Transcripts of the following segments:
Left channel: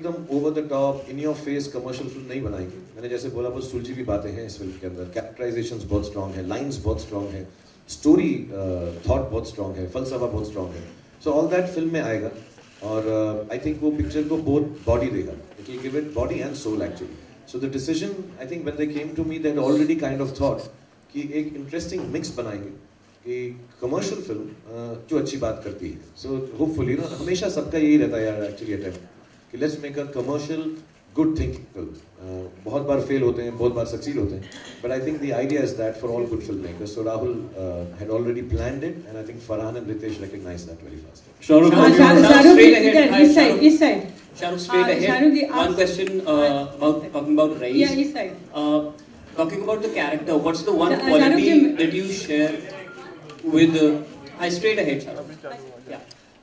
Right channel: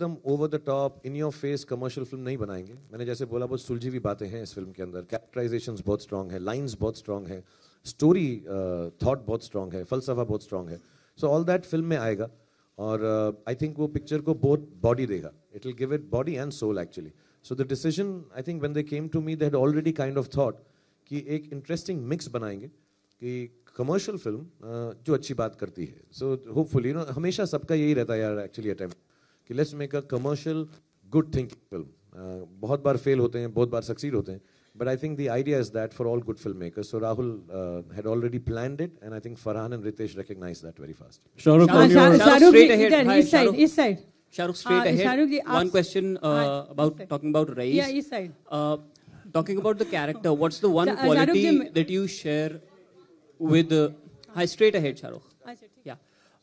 एकदम over the top in your face commercial film नहीं बनाएंगे। मैंने जैसे बोला वो सुलझी हुई बातें हैं इस फिल्म के अंदर, कैरेक्टराइजेशंस बहुत स्ट्रॉन्ग है, लाइंस बहुत स्ट्रॉन्ग है, स्टोरी थॉट बहुत स्ट्रॉन्ग है, फलसफा बहुत स्ट्रॉन्ग है। सो ऑल दैट फिल्म में आएगा और आई थिंक वो पिक्चर को बहुत बॉडी देगा, it will give it body and soul actually. So the decision I think when they came to me that already kind of thought कि एक interesting mix बनाएंगे कि कमर्शियल फिल्म जो अच्छी बात करती है। सो होपफुली ना हमेशा सबका यही रहता है यार एक्चुअली अटेम्प्ट कि let's make a commercial good thinking film. बहुत बार फेल होते हैं, बहुत बार सक्सीड होते हैं, but I think the idea is that for all good film makers. So Rahul had already planned it and I think Farhan and Ritesh recognised that very fast. This side. Shahrukh, straight ahead. One question talking about Raees. Yeah, this side. Talking about the character, what's the one quality that you share with? Hi, straight ahead, Shahrukh. Yeah.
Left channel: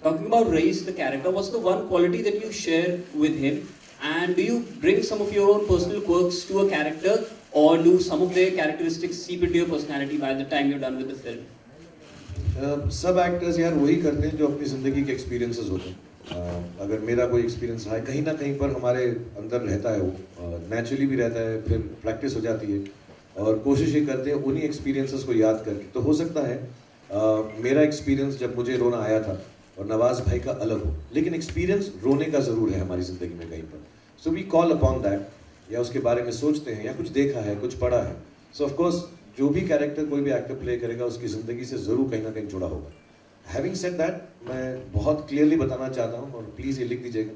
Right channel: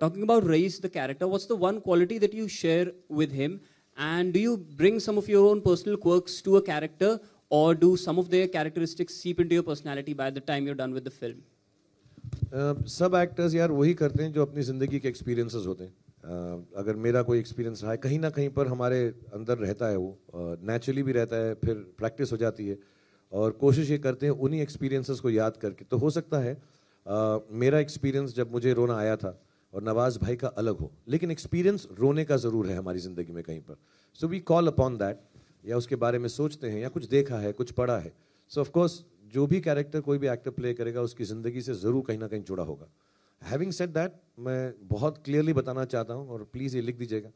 Talking about Raees, the character, what's the one quality that you share with him? And do you bring some of your own personal quirks to a character, or do some of their characteristics seep into your personality by the time you're done with the film? सब actors यार वही करते हैं जो अपनी ज़िंदगी के experiences होते हैं। अगर मेरा कोई एक्सपीरियंस रहा है कहीं ना कहीं पर हमारे अंदर रहता है, वो नेचुरली भी रहता है, फिर प्रैक्टिस हो जाती है और कोशिश ये करते हैं उन्हीं एक्सपीरियंसेस को याद करके। तो हो सकता है मेरा एक्सपीरियंस जब मुझे रोना आया था और नवाज भाई का अलग हो, लेकिन एक्सपीरियंस रोने का ज़रूर है हमारी ज़िंदगी में कहीं पर। So we call upon that, या उसके बारे में सोचते हैं या कुछ देखा है, कुछ पढ़ा है। सो ऑफकोर्स जो भी कैरेक्टर कोई भी एक्टर प्ले करेगा उसकी ज़िंदगी से ज़रूर कहीं ना कहीं जुड़ा होगा। हैविंग सेड दैट, मैं बहुत क्लियरली बताना चाहता हूँ और प्लीज़ ये लिख दीजिएगा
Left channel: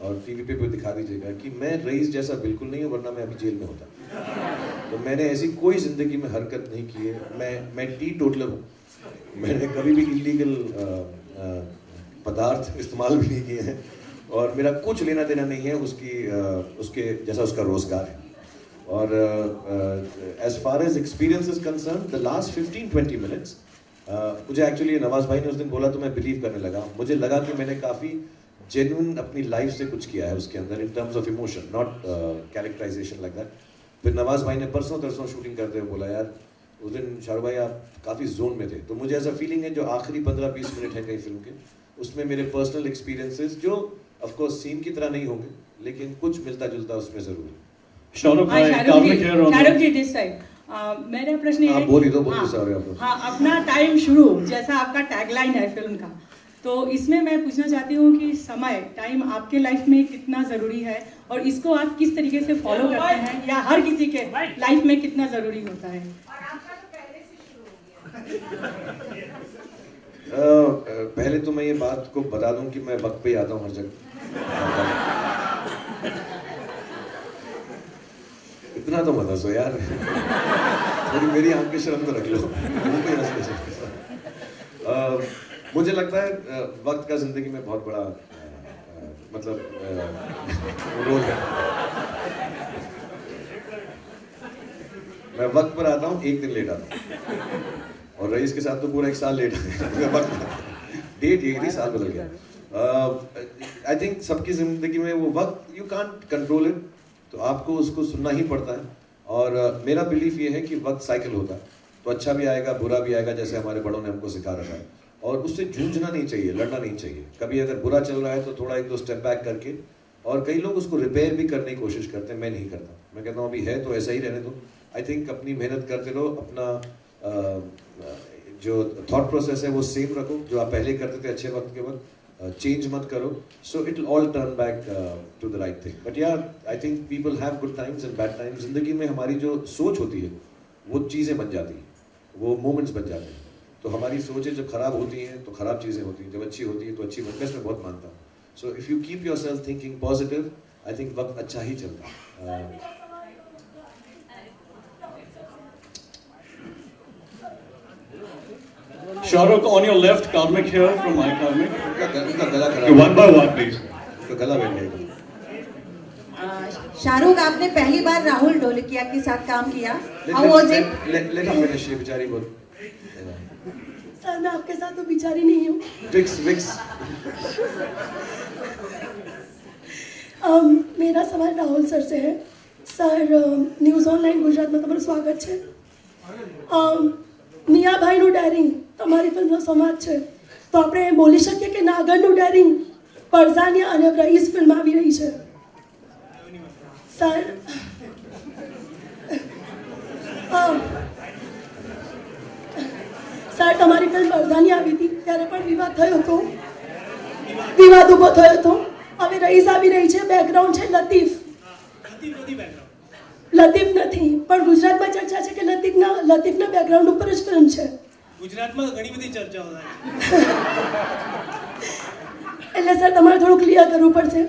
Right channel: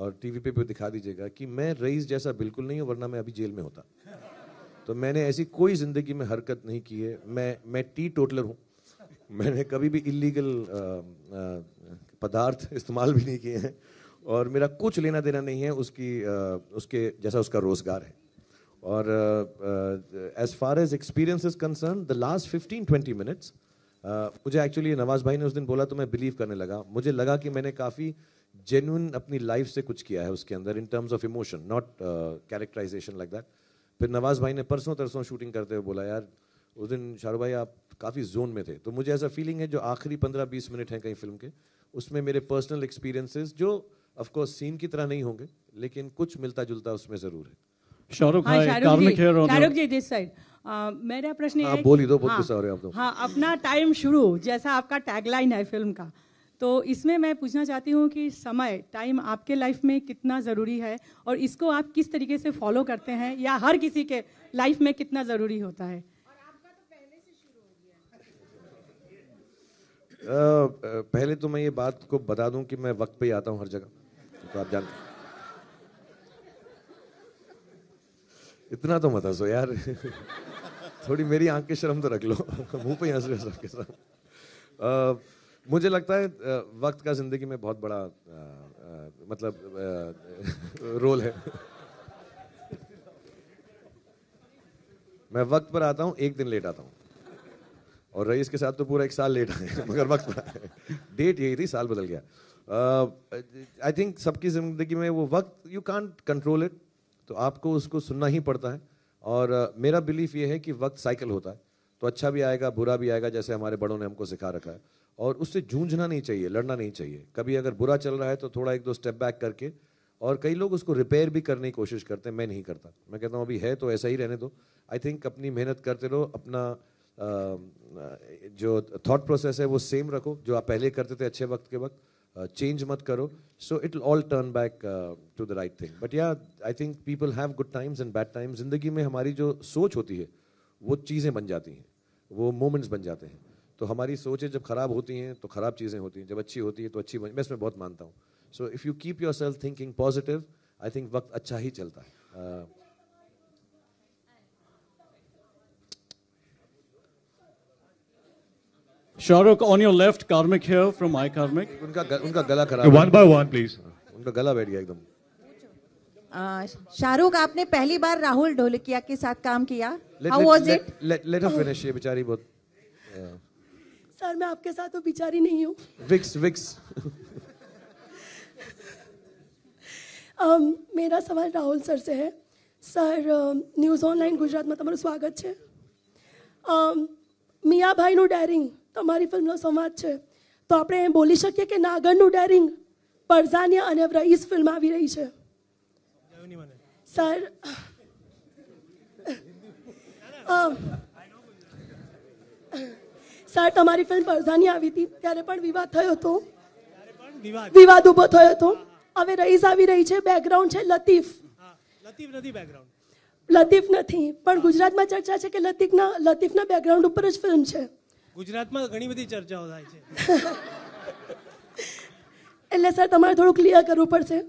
और टीवी पे कोई दिखा दीजिएगा कि मैं रईस जैसा बिल्कुल नहीं हूँ, वरना मैं अभी जेल में होता। तो मैंने ऐसी कोई ज़िंदगी में हरकत नहीं की है। मैं टी टोटलर हूँ, मैंने कभी भी इलीगल पदार्थ इस्तेमाल भी नहीं किए हैं और मेरा कुछ लेना देना नहीं है उसके जैसा उसका रोज़गार है। और as far as experience is concerned, the last 15-20 minutes मुझे एक्चुअली नवाज भाई ने उस दिन बोला तो मैं बिलीव करने लगा। मुझे लगा कि मैंने काफ़ी जेन्युइन अपनी लाइफ से कुछ किया है उसके अंदर in terms of emotion, not characterisation like that. फिर नवाज भाई ने परसों शूटिंग करते हुए बोला यार उस दिन शाहरुख भाई आप काफ़ी जोन में थे। तो मुझे ऐसा फीलिंग है जो आखिरी 15-20 मिनट है कई फिल्म के, उसमें मेरे पर्सनल एक्सपीरियंसेस जो ऑफकोर्स सीन की तरह नहीं होंगे लेकिन कुछ मिलता जुलता उसमें ज़रूर है। शाहरुख भाई दिस साइड मेरा प्रश्न ये है, हाँ अपना टाइम शुरू जैसा आपका टैगलाइन है फिल्म का, तो इसमें मैं पूछना चाहती हूँ कि समय टाइम आपके लाइफ में कितना जरूरी है और इसको आप किस तरीके से फॉलो करते हैं या हर किसी के लाइफ में कितना जरूरी होता है? पहले तो मैं ये बात को बता दूं कि मैं वक्त पे आता हूँ हर जगह। इतना तो बता दो यार, थोड़ी मेरी आपकी शर्म तो रख लो। मुझे लगता है वक्त का जिंदगी में बहुत बड़ा रोल है। मैं वक्त पर आता हूँ, एक दिन लेट आता हूँ और रईस के साथ तो पूरा 1 साल लेट डेट एक साल हो गया। आई थिंक सबकी जिंदगी में वो वक्त यू कांट कंट्रोल इट, तो आपको उसको सुनना ही पड़ता है। और मेरा बिलीफ ये है कि वक्त साइकिल होता है, तो अच्छा भी आएगा बुरा भी आएगा, जैसे हमारे बड़ों ने हमको सिखा रखा है। और उससे जूझना नहीं चाहिए, लड़ना नहीं चाहिए। कभी अगर बुरा चल रहा है तो थोड़ा 1-2 स्टेप बैक करके, और कई लोग उसको रिपेयर भी करने की कोशिश करते हैं, मैं नहीं करता। मैं कहता हूँ अभी है तो ऐसा ही रहने दो। आई थिंक अपनी मेहनत करते रहो, अपना जो थॉट प्रोसेस है वो सेम रखो, जो आप पहले करते थे अच्छे वक्त के वक्त, चेंज मत करो। So it will all turn back to the right thing. But यार I think people have good times and bad times. जिंदगी में हमारी जो सोच होती है वो चीज़ें बन जाती हैं, वो मोमेंट्स बन जाते हैं। तो हमारी सोचें जब खराब होती हैं तो खराब चीज़ें होती हैं, जब अच्छी होती है तो अच्छी। मैं इसमें बहुत मानता हूँ। So if you keep yourself thinking positive, I think वक्त अच्छा ही चलता है। Shahrukh, on your left, Karmik here from iKarmik. One by one, please. Shahrukh, आपने पहली बार राहुल ढोलकिया के साथ काम किया, How was it? Let her finish, बेचारी बोल। सर मैं आपके साथ तो बेचारी नहीं हूँ। Vix. मेरा सवाल राहुल सर से है। सर न्यूज़ ऑनलाइन गुजरात में તમારું સ્વાગત છે। મીરાભાઈનું ડેરિંગ તમારી ફિલ્મનો સમાજ છે, તો આપણે બોલી શકીએ કે નાગરનું ડેરિંગ પરઝાનિયા અને રઈસ ફિલ્મ આવી રહી છે, સર સર તમારી ફિલ્મ વરસાની આવી હતી ત્યારે પણ વિવાદ થયો હતો, વિવાદ ઊભો થયો હતો. હવે રઈસ આવી રહી છે, બેકગ્રાઉન્ડ છે લતીફ. લતીફ નથી, પણ ગુજરાતમાં ચર્ચા છે કે લતીફના બેકગ્રાઉન્ડ ઉપર જ ફિલ્મ છે. ગુજરાતમાં ઘણી બધી ચર્ચાઓ થાય. એટલે સર તમારે થોડું ક્લિયર કરવું પડશે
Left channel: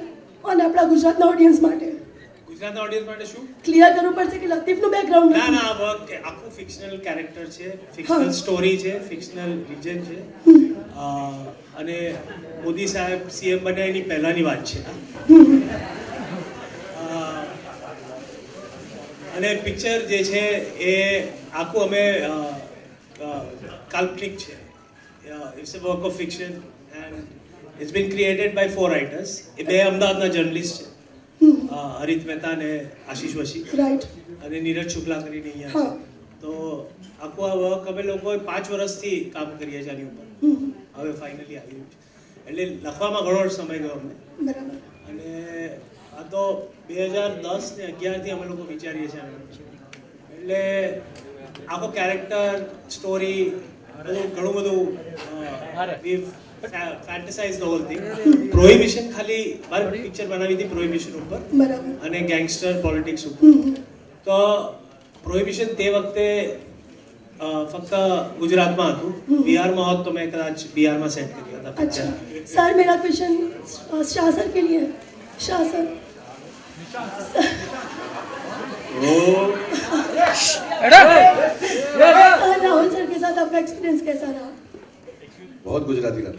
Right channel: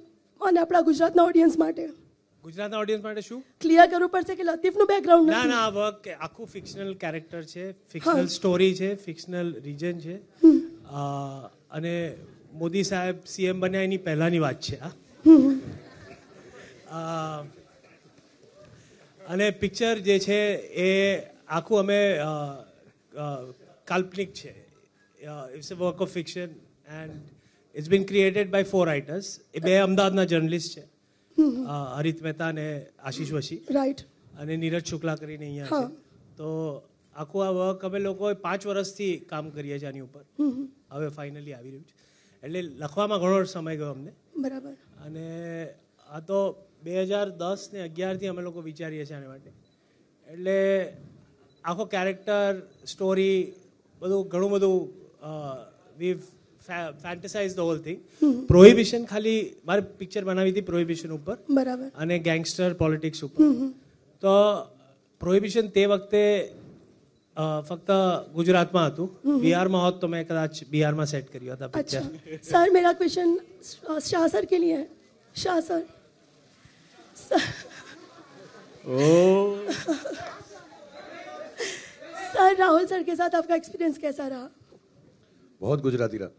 અને આપણા ગુજરાતના ઓડિયન્સ માટે. ગુજરાતના ઓડિયન્સ માટે શું ક્લિયર કરવું પડશે કે લતીફનું બેકગ્રાઉન્ડ ના ના આખું ફિક્શનલ કેરેક્ટર છે, ફિક્શનલ સ્ટોરી છે, ફિક્શનલ રિજન છે. અને મોદી સાહેબ સીએમ બન્યા એની પહેલાની વાત છે. અને પિક્ચર જે છે એ આખું અમે કાલ્પનિક છે. It's a work of fiction and it's been created by 4 writers. એ બે અમદાવાદના જર્નલિસ્ટ છે, હરિત મહેતા અને આશીષ વશી અને નીરજ શુક્લા કરીને અહીંયા. તો આખું આ વર્ક અમે લોકોએ 5 વર્ષથી કામ કરીએ છીએ આની ઉપર. હવે ફાઇનલી આવ્યું છે. એટલે લખવામાં ઘણો સમય ગયો અમને. અને આ તો 2010 ને 11 થી અમે લોકો વિચારીએ છીએ. એટલે આખો કેરેક્ટર સ્ટોરી બધું ઘણું બધું ફેન્ટસાઇઝ ધ હોલ થિંગ. પ્રોહિબિશન ખાલી મારી પિક્ચર બનાવી હતી પ્રોહિબિશન ઉપર અને ગેંગસ્ટર પોલિટિક્સ ઉપર. તો પ્રોહિબિશન તે વખતે ફક્ત ગુજરાતમાં હતું. બિહારમાં હોત તો મેં કદાચ બિહારમાં સેટ કરી હતા. अच्छा सर मेरा क्वेश्चन शासन के लिए शासन राहुल सर के साथ आपका एक्सपीरियंस कैसा रहा? बहुत गुजराती था.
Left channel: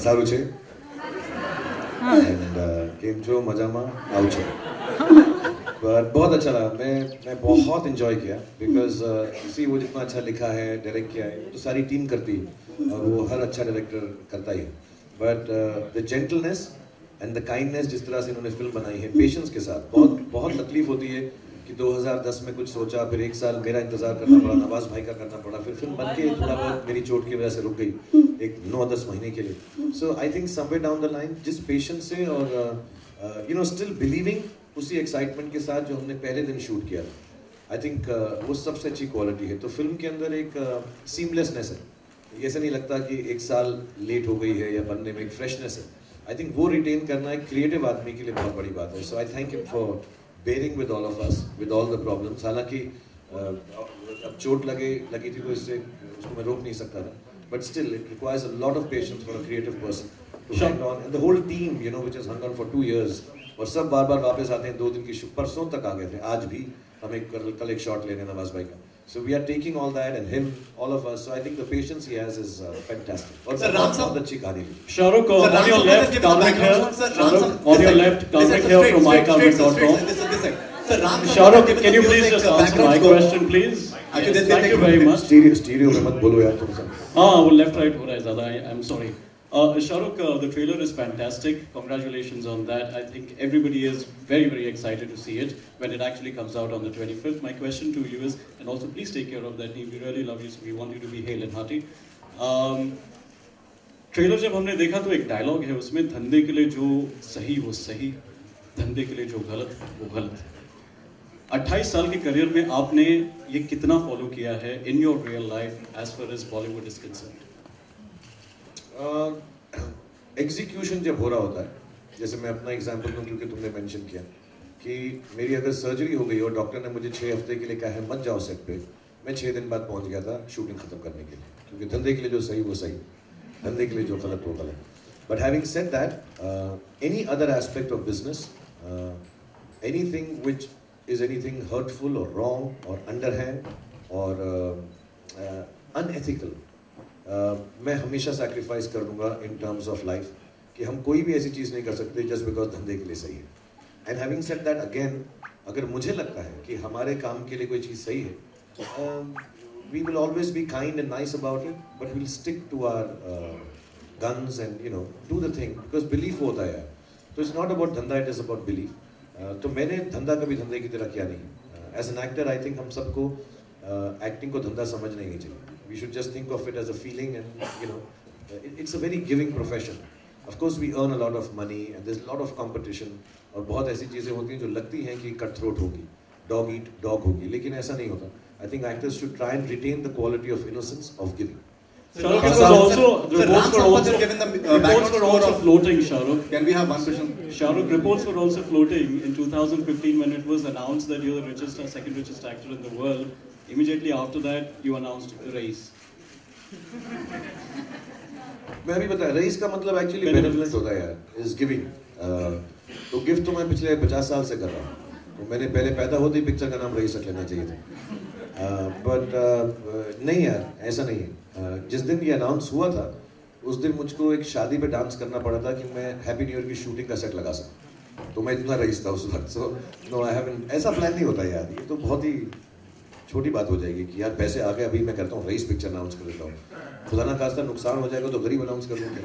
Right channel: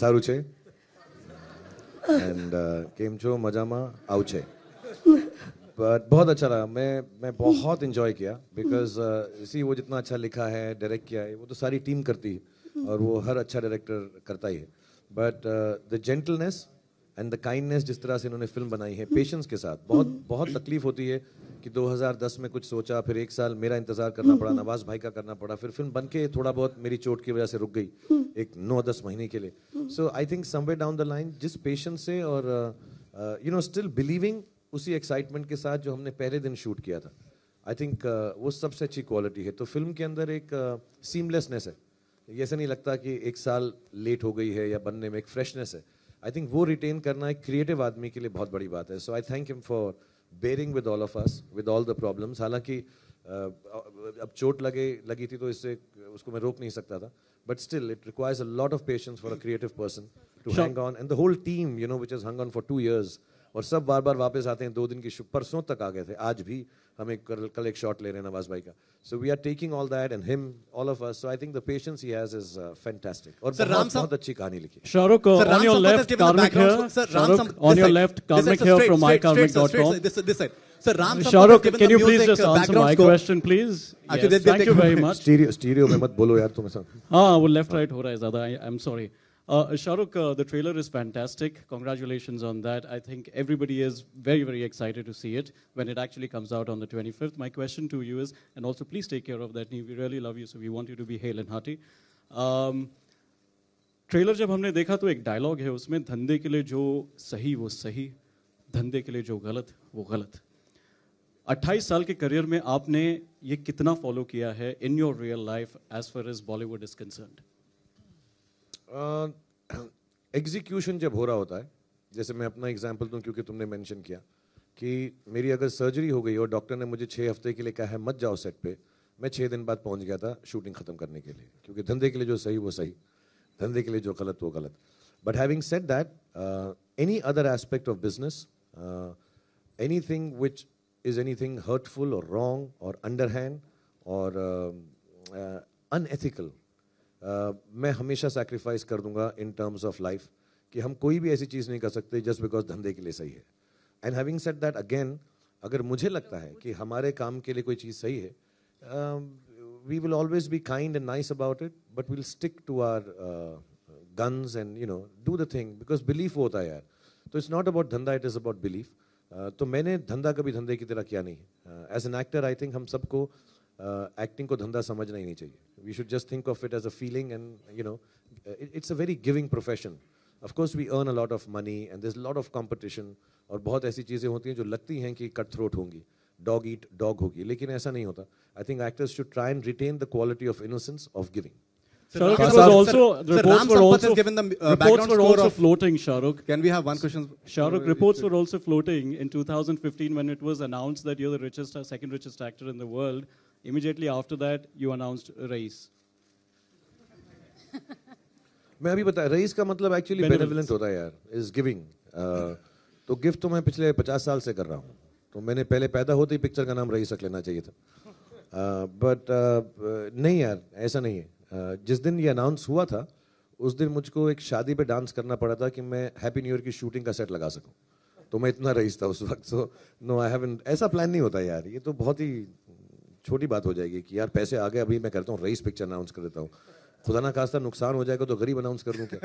સારું છે. एंड केम जो मजा में आउ छे. पर बहुत अच्छा लगा. मैं बहुत एंजॉय किया बिकॉज सी वो जितना अच्छा लिखा है, डायरेक्ट किया है, तो सारी टीम करती है और वो हर अच्छा डायरेक्टर करता ही. But the gentleness and the kindness जिस तरह से उन्होंने फिल्म बनाई है, पेशेंस के साथ. बहुत तकलीफ होती है कि 2010 में कुछ सोचा, फिर 1 साल मेरा इंतजार करना पड़ा, नवाज भाई का करना पड़ा, फिर फिल्म बन के थोड़ा बहुत मेरी चोट की वजह से रुक गई एक 9-10 महीने के लिए. So I think somewhere down the line जिस पेशेंस से और यू नो स्टिल बिलीविंग उसी एक्साइटमेंट के साथ जो हमने पहले दिन शूट किया, आई थिंक वो सबसे अच्छी क्वालिटी है. तो फिल्म के अंदर एक सीमलेसनेस है. ये ऐसा नहीं लगता कि 1 साल लेट हो गई है या बनने में एक फ्रेशनेस है. आई थिंक वो रिटेन करना एक क्रिएटिव आदमी के लिए बहुत बड़ी बात है. So I thank you for bearing with all of us with all the problems. हालांकि अब चोट लगी थी तो इससे उसको मैं रोक नहीं सकता था, but still it requires a lot of patience for a creative person to hang on. And the whole team you know which has hung on for 2 years और सब बार वापस आते हैं. 2 दिन की परसों तक आ गए थे. आज भी हम कल एक शॉट ले रहे हैं नवाज भाई का. So we are taking all that and him, all of us. So I think the patience he has is fantastic. और Sir, Ram साहब अच्छी कहानी. Shahrukh, on your left, comment here. On your left, comment here from mycomic.com. Shahrukh, can you please just answer my question, please? Thank you very much. Stereo में मत बोलो यार तुम सब. हाँ, वो left right हो रहा है ज़्यादा. I'm sorry. Shahrukh, the trailer is fantastic. Congratulations on that. I think everybody is very, very excited to see it when it actually comes out on the 25th. My question to you is, and also please take care of that name. We really love you, so we want you to be hale and hearty. Trailer जब हमने देखा तो एक dialogue है उसमें, धंधे के लिए जो सही वो सही, धंधे के लिए जो गलत वो गलत है. 28 साल के करियर में आपने ये कितना फॉलो किया है in your real life as far as Bollywood is concerned? Execution जब हो रहा होता है, जैसे मैं अपना एग्जांपल दूं क्योंकि तुमने मेंशन किया कि मेरी अगर सर्जरी हो गई और डॉक्टर ने मुझे 6 हफ्ते के लिए कहा है मत जाओ सेट पे, मैं 6 दिन बाद पहुंच गया था शूटिंग खत्म करने के लिए. क्योंकि धंधे के लिए जो सही वो सही, धंधे के लिए जो गलत वो गलत. But having said that, any other aspect of business, anything which is anything hurtful और रॉन्ग और अंडरहैंड और अनएथिकल, मैं हमेशा सैक्रिफाइस करूँगा इन टर्म्स ऑफ लाइफ कि हम कोई भी ऐसी चीज़ नहीं कर सकते जस्ट बिकॉज धंधे के लिए सही है. And having said that again, अगर मुझे लगता है कि हमारे काम के लिए कोई चीज़ सही है, we will always be kind and nice about it, but we will stick to our guns and you know do the thing because belief होता है. तो इट्स नॉट अबाउट धंधा, इट इज़ अबाउट बिलीफ. तो मैंने धंधा कभी धंधे की तरह किया नहीं. As an actor I think हम सबको एक्टिंग को धंधा समझना ही नहीं चाहिए. We should just think of it as a feeling, and you know, it's a very giving profession. Of course we earn a lot of money and there's a lot of competition, और बहुत ऐसी चीज़ें होती हैं जो लगती हैं कि कट थ्रोट होगी, dog eat dog होगी, लेकिन ऐसा नहीं होता. I think actors should try and retain the quality of innocence of giving. Reports were also floating, Shahrukh. Can we have one question? Shahrukh, reports were also floating in 2015 when it was announced that you're the richest or second richest actor in the world. Immediately after that, you announced Race. मैं अभी बता, rice का मतलब actually benefit होता है यार, is giving. तो gift तो मैं पिछले 50 साल से कर रहा हूँ. तो मैंने पहले पैदा होते ही पिक्चर का नाम रईस रख लेना चाहिए था. बट नहीं यार, ऐसा नहीं है. जिस दिन ये अनाउंस हुआ था, उस दिन मुझको एक शादी पे डांस करना पड़ा था कि मैं हैप्पी न्यू ईयर की शूटिंग का सेट लगा सकूं. तो मैं इतना रईस था उस वक्त. सो नो आई हैवंट, ऐसा प्लान नहीं होता यार. ये तो बहुत ही छोटी बात हो जाएगी कि यार पैसे आ गए, अभी मैं कहता हूँ रईस पिक्चर अनाउंस कर देता हूँ. खुदा ना खास्ता नुकसान हो जाएगा तो गरीब अनाउंस कर दूंगा.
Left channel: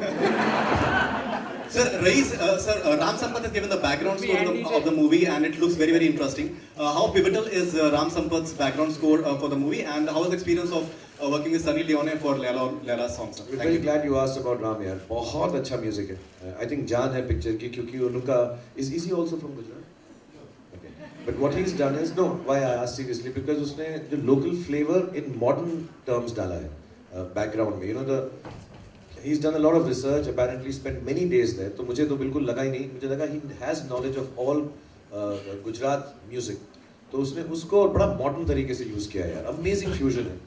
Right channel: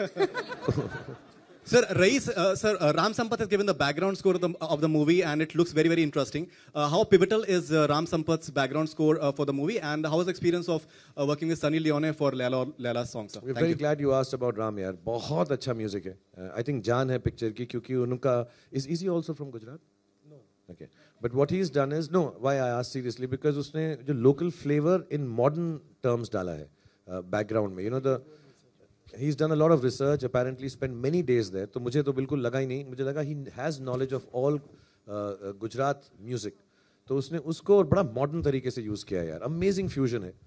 Sir, Race, Ram Sampath has given the background score of the movie and it looks very, very interesting. How pivotal is Ram Sampath's background score for the movie, and how's the experience of working with Sunny Leone for Laila songs? We're very glad you asked about Ram यार. बहुत अच्छा music है. I think जान है picture की, क्योंकि उनका is he also from Gujarat? Okay. But what he's done is, no, why I asked seriously, because उसने जो local flavor in modern terms डाला है background में. You know, he's done a lot of research, apparently spent many days there. तो मुझे तो बिल्कुल लगा ही नहीं. मुझे लगा he has knowledge of all Gujarat music. तो उसने उसको बड़ा modern तरीके से use किया है. Amazing fusion है.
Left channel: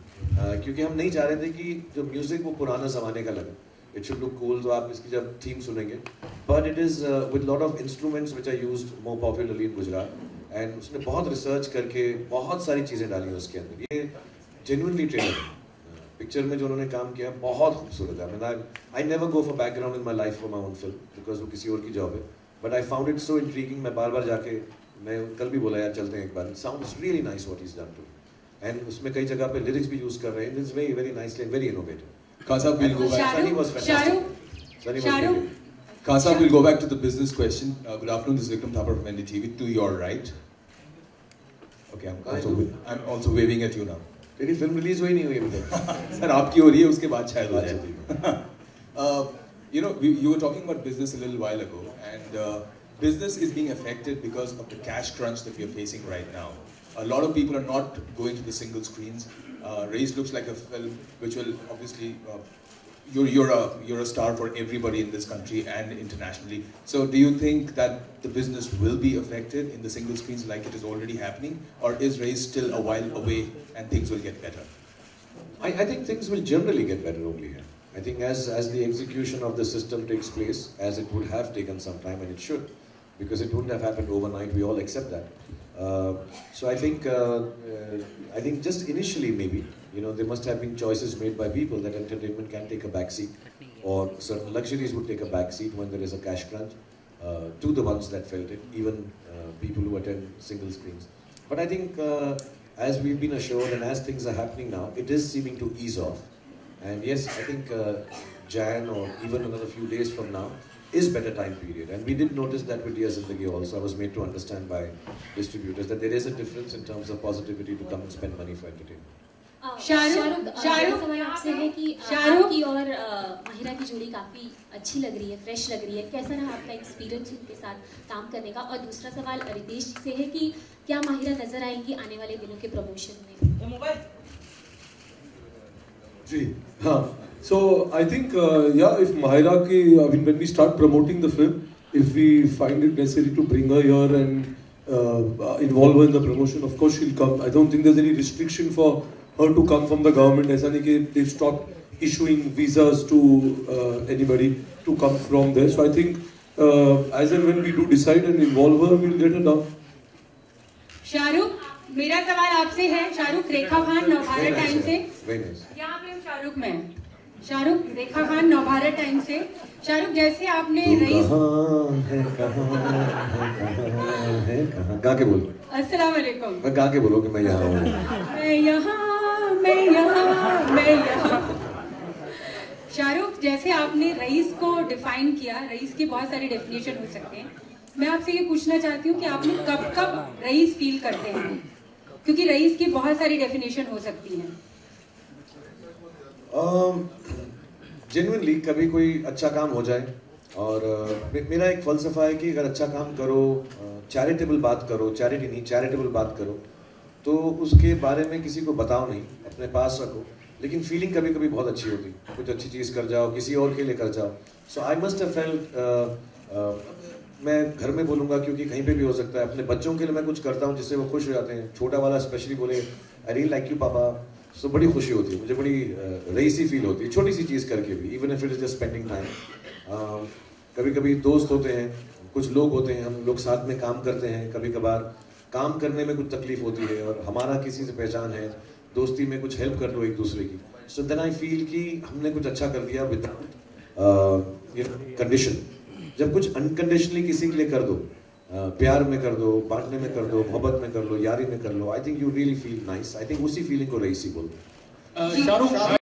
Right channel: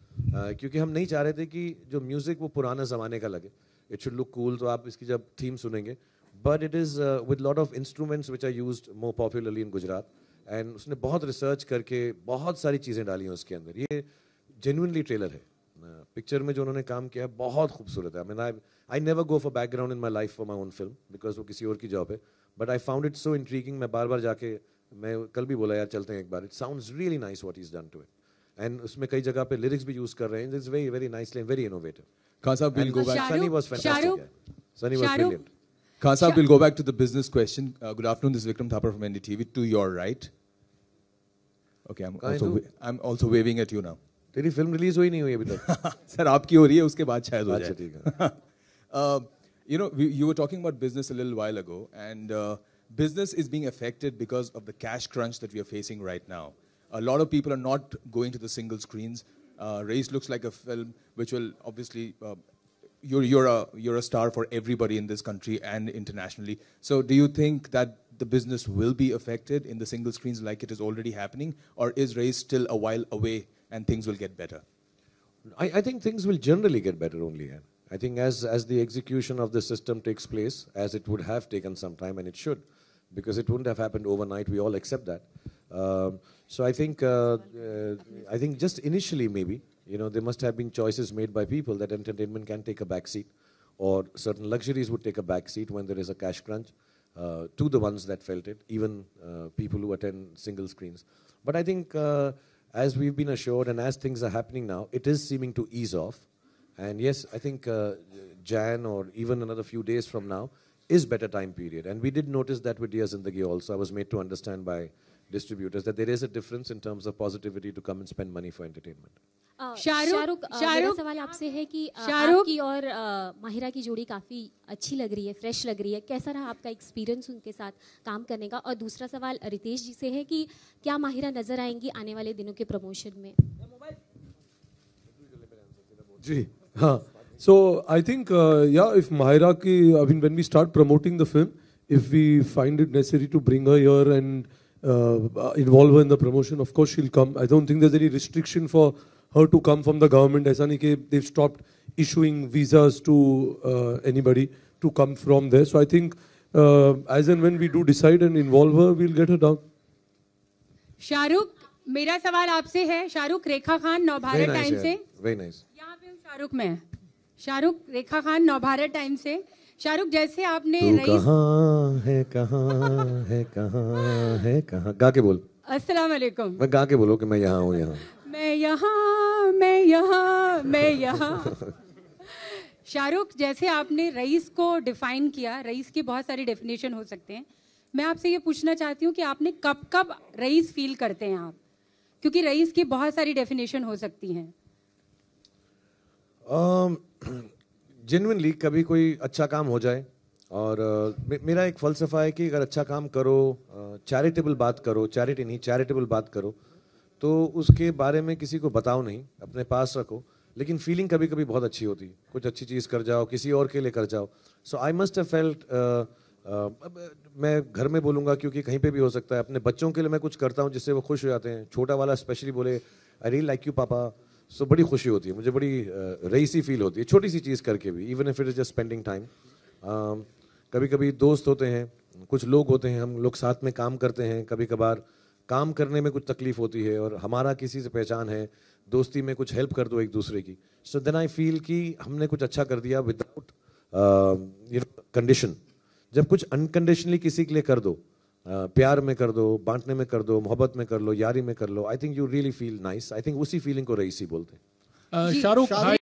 क्योंकि हम नहीं चाह रहे थे कि जो म्यूजिक वो पुराना ज़माने का लगे. It should look cool. तो आप इसकी जब थीम सुनेंगे, but it is with lot of instruments which are used more popularly in Gujarat. And उसने बहुत research करके बहुत सारी चीज़ें डाली हैं उसके अंदर. ये genuinely tailored. पिक्चर में जो उन्होंने काम किया बहुत खूबसूरत है. I mean, I never go for background in my life for my own film because वो किसी और की जॉब है. But I found it so intriguing. मैं बार-बार जाके, मैं कल भी बोला यार चलते हैं एक बार. It sounds really nice what he's done to it. And उसमें कई जगह पे lyrics भी use कर रहे हैं. It is very, very nice and very innovative. Kasa, we'll go back. Sunny was fantastic. Sunny was brilliant. Kasa, we'll go back to the business question. Good afternoon, this is Vikram Thapar from NDTV. To your right. Okay, I'm also waving at you now. तेरी film release हुई नहीं हुई अभी तक. Sir आपकी हो रही है, उसके बाद शायद आ जाए. You know, you were talking about business a little while ago, and business is being affected because of the cash crunch that we are facing right now. A lot of people are not going to the single screens. Race looks like a film which will obviously, you're a star for everybody in this country and internationally. So do you think that the business will be affected in the single screens like it is already happening, or is Race still a while away and things will get better? I think things will generally get better only here. I think as the execution of the system takes place, as it would have taken some time, and it should, because it wouldn't have happened overnight, we all accept that. So I think just initially maybe, you know, there must have been choices made by people that entertainment can take a back seat, or certain luxuries would take a back seat when there is a cash crunch, to the ones that felt it, even people who attend single screens. But I think as we've been assured and as things are happening now, it is seeming to ease off. And yes, I think Jan or even another few days from now is better time period. And we did notice that with Diya Zindagi also. I was made to understand by distributors that there is a difference in terms of positivity to come and spend money for entertainment. Shahrukh आपसे है कि शाहरुख की और माहिरा की जोड़ी काफ़ी अच्छी लग रही है, फ्रेश लग रही है. कैसा रहा आपका एक्सपीरियंस उनके साथ काम करने का? और दूसरा सवाल रितेश से है कि क्या माहिरा नजर आएंगी आने वाले दिनों के प्रमोशन में? जी हाँ. So I think if Mahira ki when we start promoting the film, if we find it necessary to bring her here and involve her in the promotion, of course she'll come. I don't think there's any restriction for her to come from the government. ऐसा नहीं कि they've stopped issuing visas to anybody to come from there. So I think as and when we do decide and involve her, we'll get her down. Shahrukh, मेरा सवाल आपसे है. शाहरुख रेखा Khan Navbharat time से. यहाँ पे हम शाहरुख में हैं. शाहरुख रेखा खान नवभारत टाइम से. शाहरुख जैसे आपने गा के बोल. अस्सलाम वालेकुम. मैं गा के बोलो कि मैं यहाँ हूँ. मैं यहाँ. शाहरुख जैसे आपने रईस को डिफाइन किया, रईस की बहुत सारी डेफिनेशन हो सकते हैं. मैं आपसे ये पूछना चाहती हूँ कि आप लोग कब कब रईस फील करते हैं, क्योंकि रईस की बहुत सारी डेफिनेशन हो सकती हैं. जेन्युइनली कभी कोई अच्छा काम हो जाए और मेरा एक फ़लसफ़ा है कि अगर अच्छा काम करो, चैरिटेबल बात करो, चैरिटी नहीं चैरिटेबल बात करो, तो उसके बारे में किसी को बताओ नहीं, अपने पास रखो, लेकिन फीलिंग कभी कभी बहुत अच्छी होती, कुछ अच्छी चीज़ कर जाओ, किसी और के लिए कर जाओ. सो आई मस्ट हैव फेल्ट, मैं घर में बोलूँगा क्योंकि कहीं पे भी हो सकता है, अपने बच्चों के लिए मैं कुछ करता हूँ जिससे वो खुश हो जाते हैं. छोटा वाला स्पेशली बोले आई रियली लाइक यू पापा, सो बड़ी खुशी होती है मुझे, बड़ी रईसी फील होती है छोटी सी चीज़ करके भी, even if it is just spending time. कभी कभी दोस्त होते हैं, कुछ लोग होते हैं, हम लोग साथ में काम करते हैं, कभी कभार काम करने में कुछ तकलीफ होती है और हमारा किसी से पहचान है, दोस्ती में कुछ हेल्प कर दो एक दूसरे की. सो देन आई फील कि हमने कुछ अच्छा कर दिया विदाउट कंडीशन. जब कुछ अनकंडीशनली किसी के लिए कर दो, प्यार में कर दो, बांटने में कर दो, मोहब्बत में कर लो, यारी में कर लो, I think you really feel nice. I think उसी फीलिंग को रईसी बोलते हैं.